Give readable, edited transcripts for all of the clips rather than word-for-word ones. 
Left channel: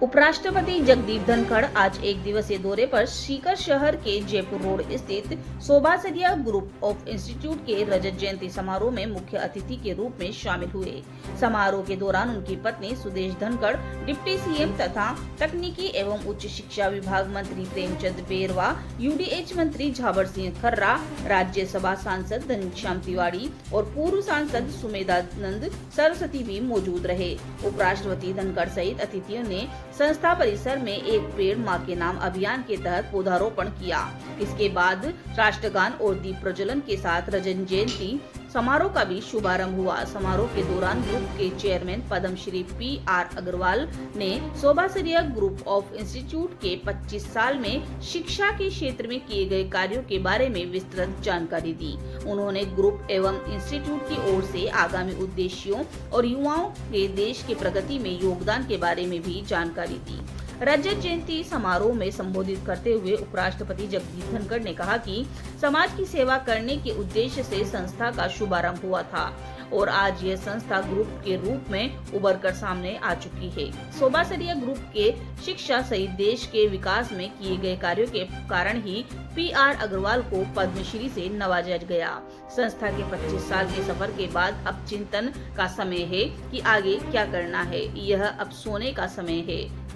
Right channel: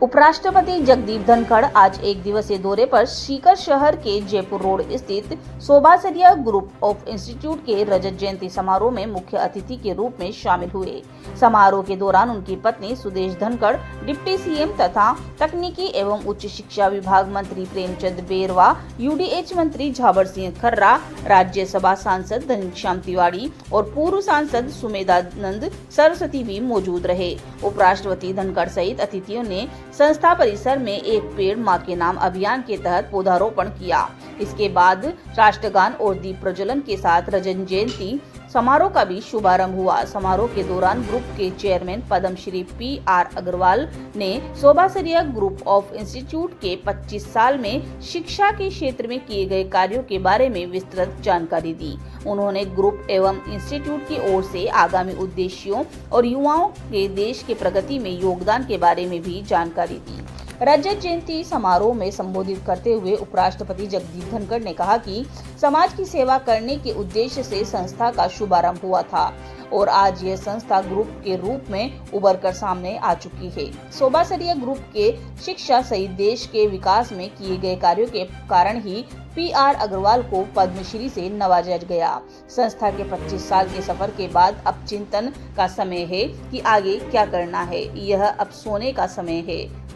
उपराष्ट्रपति जगदीप धनखड़ आज एक दिवसीय दौरे पर सीकर शहर के जयपुर रोड स्थित सोभासरिया ग्रुप ऑफ इंस्टीट्यूट के रजत जयंती समारोह में मुख्य अतिथि के रूप में शामिल हुए। समारोह के दौरान उनकी पत्नी सुदेश धनखड़, डिप्टी सीएम तथा तकनीकी एवं उच्च शिक्षा विभाग मंत्री प्रेमचंद बेरवा, यूडीएच मंत्री झाबर सिंह खर्रा, राज्यसभा सांसद घनश्याम तिवारी और पूर्व सांसद सुमेधानंद सरस्वती भी मौजूद रहे। उपराष्ट्रपति धनखड़ सहित अतिथियों ने संस्था परिसर में एक पेड़ मां के नाम अभियान के तहत पौधारोपण किया। इसके बाद राष्ट्रगान और दीप प्रज्वलन के साथ रजत जयंती समारोह का भी शुभारंभ हुआ। समारोह के दौरान ग्रुप के चेयरमैन पद्मश्री PR अग्रवाल ने सोभासरिया ग्रुप ऑफ इंस्टीट्यूट के 25 साल में शिक्षा के क्षेत्र में किए गए कार्यों के बारे में विस्तृत जानकारी दी। उन्होंने ग्रुप एवं इंस्टीट्यूट की ओर से आगामी उद्देश्यों और युवाओं के देश के प्रगति में योगदान के बारे में भी जानकारी दी। रजत जयंती समारोह में संबोधित करते हुए उपराष्ट्रपति जगदीप धनखड़ ने कहा कि समाज की सेवा करने के उद्देश्य से संस्था का शुभारंभ हुआ था और आज यह संस्था ग्रुप के रूप में उभर कर सामने आ चुकी है। सोभासरिया ग्रुप के शिक्षा सहित देश के विकास में किए गए कार्यों के कारण ही PR अग्रवाल को पद्मश्री से नवाजा गया। संस्था के 25 साल के सफर के बाद अब चिंतन का समय है कि आगे क्या करना है। यह अब सोने का समय है।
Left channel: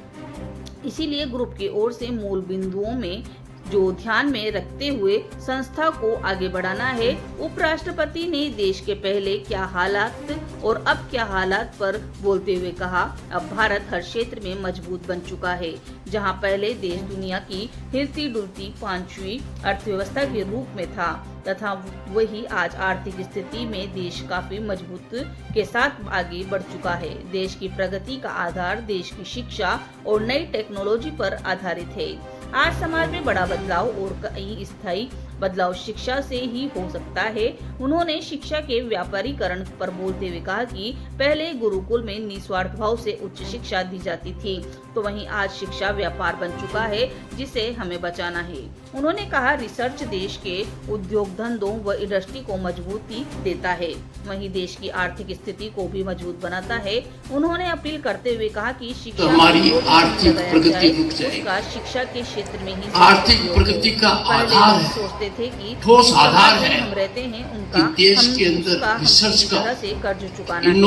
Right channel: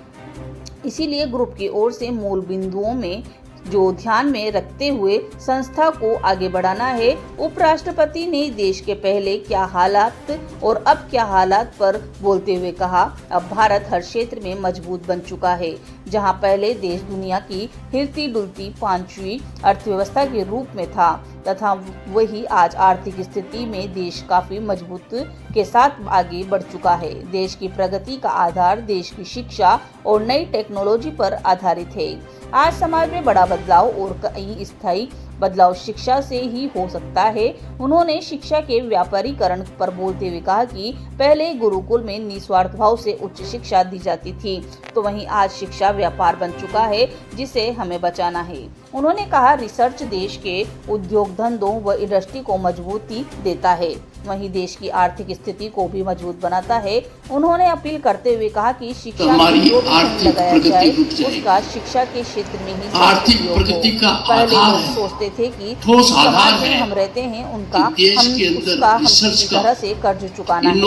इसीलिए ग्रुप की ओर से मूल बिंदुओं में जो ध्यान में रखते हुए संस्था को आगे बढ़ाना है। उपराष्ट्रपति ने देश के पहले क्या हालात और अब क्या हालात पर बोलते हुए कहा, अब भारत हर क्षेत्र में मजबूत बन चुका है। जहां पहले देश दुनिया की हिलती डुलती 5वीं अर्थव्यवस्था के रूप में था तथा वही आज आर्थिक स्थिति में देश काफी मजबूत के साथ आगे बढ़ चुका है। देश की प्रगति का आधार देश की शिक्षा और नई टेक्नोलॉजी पर आधारित है। आज समाज में बड़ा बदलाव और कई स्थायी बदलाव शिक्षा से ही हो सकता है। उन्होंने शिक्षा के व्यापारीकरण पर बोलते हुए कहा कि पहले गुरुकुल में निस्वार्थ भाव से उच्च शिक्षा दी जाती थी, तो वहीं आज शिक्षा व्यापार बन चुका है, जिसे हमें बचाना है। उन्होंने कहा, रिसर्च देश के उद्योग धंधों व इंडस्ट्री को मजबूती देता है, वहीं देश की आर्थिक स्थिति को भी मजबूत बनाता है। उन्होंने अपील करते हुए कहा कि शिक्षा में जो भी लगाया जाए उसका शिक्षा के क्षेत्र में ही उपयोग हो। पहले लोग सोचते थे कि समाज में हम रहते हैं हम किसी तरह से कर्ज चुकाना है।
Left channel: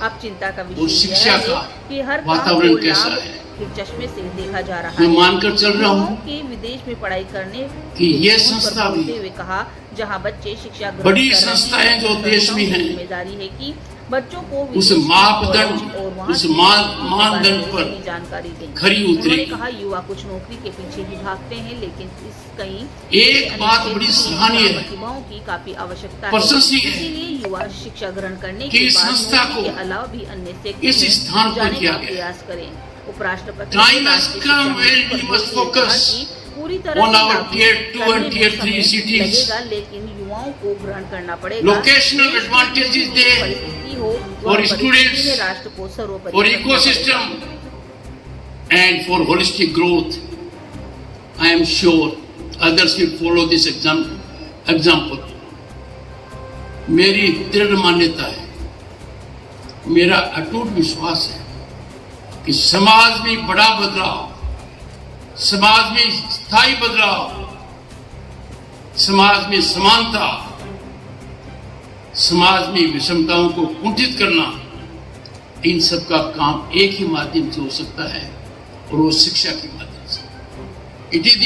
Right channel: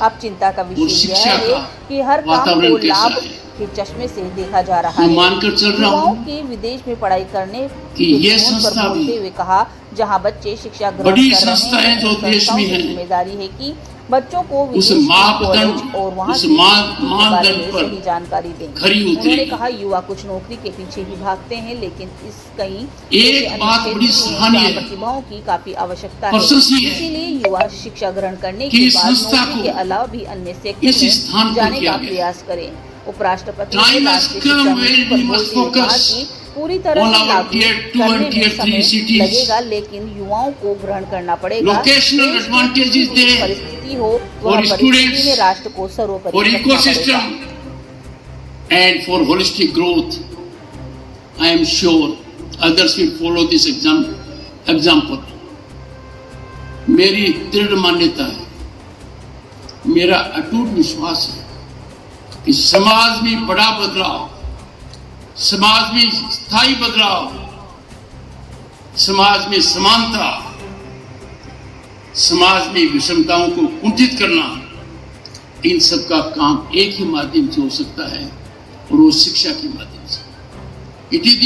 अब चिंता का विषय यह है कि हर काम को लाभ के चश्मे से देखा जा रहा है। युवाओं की विदेश में पढ़ाई करने पर बोलते हुए कहा, जहां बच्चे शिक्षा ग्रहण कर रहे हैं, जो संस्थाओं की जिम्मेदारी है कि बच्चों को विदेश कॉलेज और वहाँ की बारे में सही जानकारी दें। उन्होंने कहा, युवा कुछ नौकरी के पीछे ही भागते हैं, लेकिन इस कई अन्य क्षेत्रों में प्रतिभाओं की काफी आवश्यकता है। इसीलिए युवा शिक्षा ग्रहण करने के बाद नौकरी के अलावा भी अन्य सेक्टर में जाने का प्रयास करें। उपराष्ट्रपति ने राष्ट्रीय शिक्षा नीति पर बोलते हुए कहा कि पूरी तरह से लागू करने में समय लगेगा, लेकिन युवाओं को ग्रहण करना पड़ेगा। परिस्थिति हो वह परिस्थिति में राष्ट्र को सर्वोपरि रखना पड़ेगा। And for holistic growth, I am sure others will follow this example. मेरी दृढ़ मान्यता है, मेरा अटूट विश्वास है कि समाज में बड़ा बदलाव, समाज में स्थायी बदलाव, समाज में समानता, समाज में विषमताओं को कुंठित करना, इन सब का काम एक ही माध्यम से हो सकता है और वो शिक्षा के माध्यम से। It is